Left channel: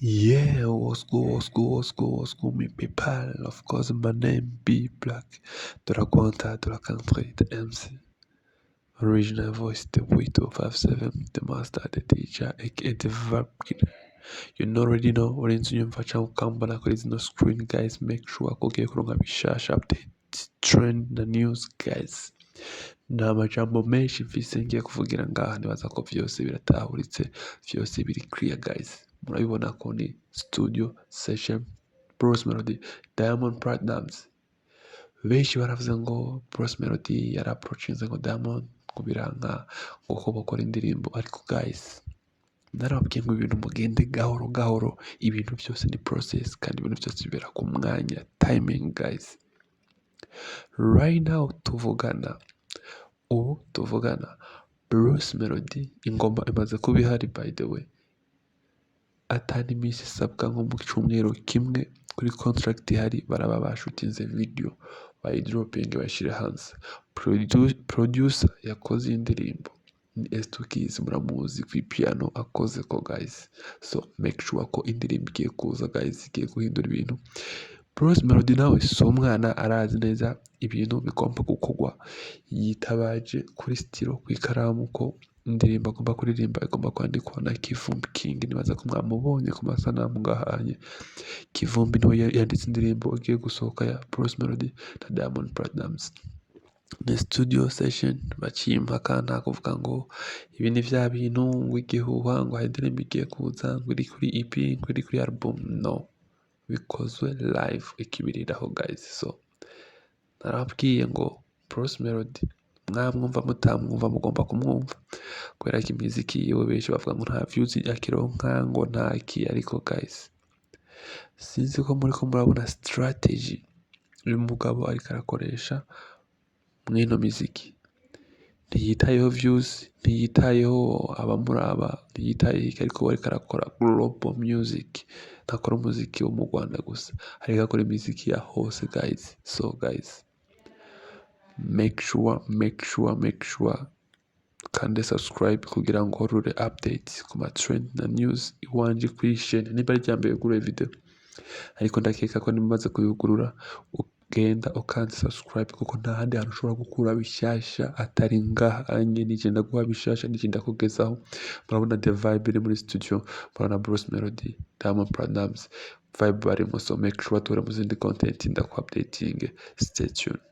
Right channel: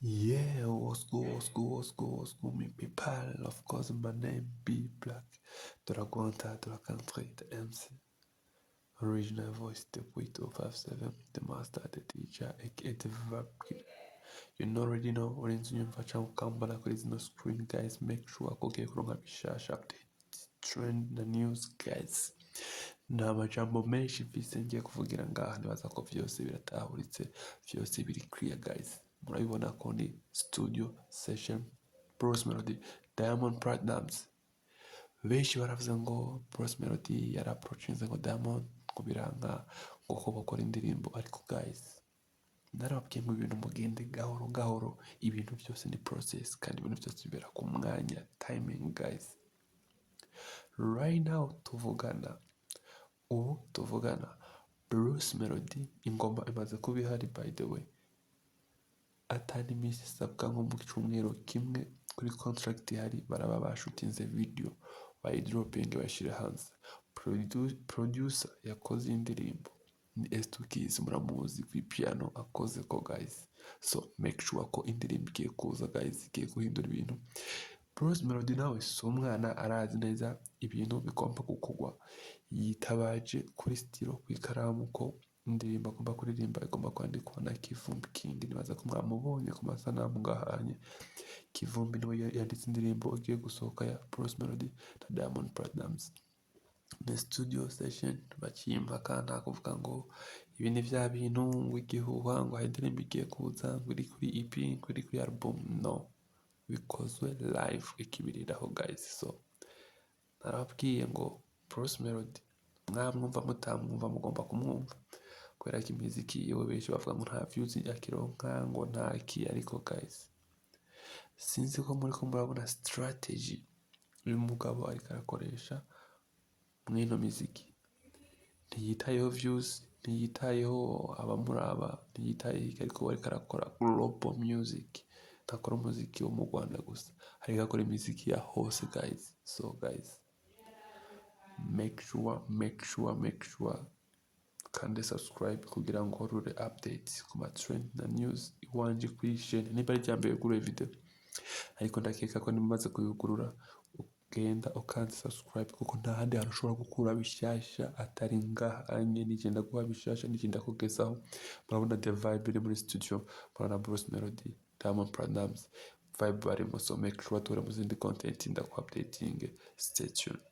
Yeah, what's good, me people? Of course, my name be Black, de la Quanta, de la Country, the MC. Original voice, the Way257, the master, the teacher, aka the verb killer. You already know, urenze unyumva cyangwa ukambona kuri zino screen, guys. Make sure ko ugiye kuronka bishasha, update, trend na news, guys. Nta majambo menshi mfise ngiye kuvugira ngaha, nibaza ko vyose biratahuritse, vyose biri clear, guys. Murabibona ko ni studio session, Bruce Melody, Diamond Platnumz. Benshi baravuze ngo Bruce Melody yaraprochinze ngo Diamond kubiranka ngo ko bakora indirimbo, ariko guys narababwiye ngo ibintu mugende gahoro gahoro, ibintu byose ni process kandi ibintu byose bibera ku mwanya, timing, guys. Right now ubu tuvugana Bruce Melody ingoma imaze kuba ihari, by the way, atari iminsi isabwa nko mu cyumweru kimwe kuri contract ihari, baraba bashutinze video bayidroping bayishyire hanze. Producer yakoze indirimbo ni S2 Keys, muramuzi ku piano akoze ko, guys. So make sure ko indirimbo igiye kuza, guys, igiye guhindura ibintu. Bruce Melody nawe si umwana, arazi neza ibintu bigomba gukorwa, yitabaje kuri stilo, ku ikaramu, ko indirimbo agomba kuririmba igomba kwandikwa na Kivumbi King. Nibaza ko mwamubonye ku masanamu ngahanye. Kivumbi niwe yanditse indirimbo igiye gusohoka ya Bruce Melody na Diamond Platnumz. Ni studio session bacimpaka, nta kuvuga ngo ibi ni vya bintu ngo igihuha ngo hari indirimbo igiye kuza ngo iri kuri EP ngo iri kuri album. No, bikozwe live ikibiriraho, guys. So narababwiye ngo Bruce Melody mwamwumva mutamwumva mugomba kumwumva, kubera ko imiziki yiwe benshi bavuga ngo nta views akironka ngo ntaki, ariko guys sinzi ko muri ko murabona strategy uyu mugabo ariko arakoresha mwino miziki. Ntiyitayeho views, ntiyitayeho abamuraba, ntiyitayeho iki, ariko ariko arakora global music, ntakora umuziki wo mu Rwanda gusa, ariko akora imiziki ya hose, guys. So guys, make sure kandi subscribe kugira ngo horure updates ku ma trend na news iwanje kuri chaîne. Niba ari ryambere gure video, ariko ndakeka ko nimaze kuyugurura ugenda ukanze subscribe, kuko nta handi hantu ushobora gukura bishasha atari ngaha anye. Nije ndaguha bishasha, nije ndakugezaho. Murabona the vibe iri muri studio, murabona Bruce Melody, Diamond Platnumz, vibe barimo. So make sure tuhure mu zindi content ndaku updating. Stay tuned.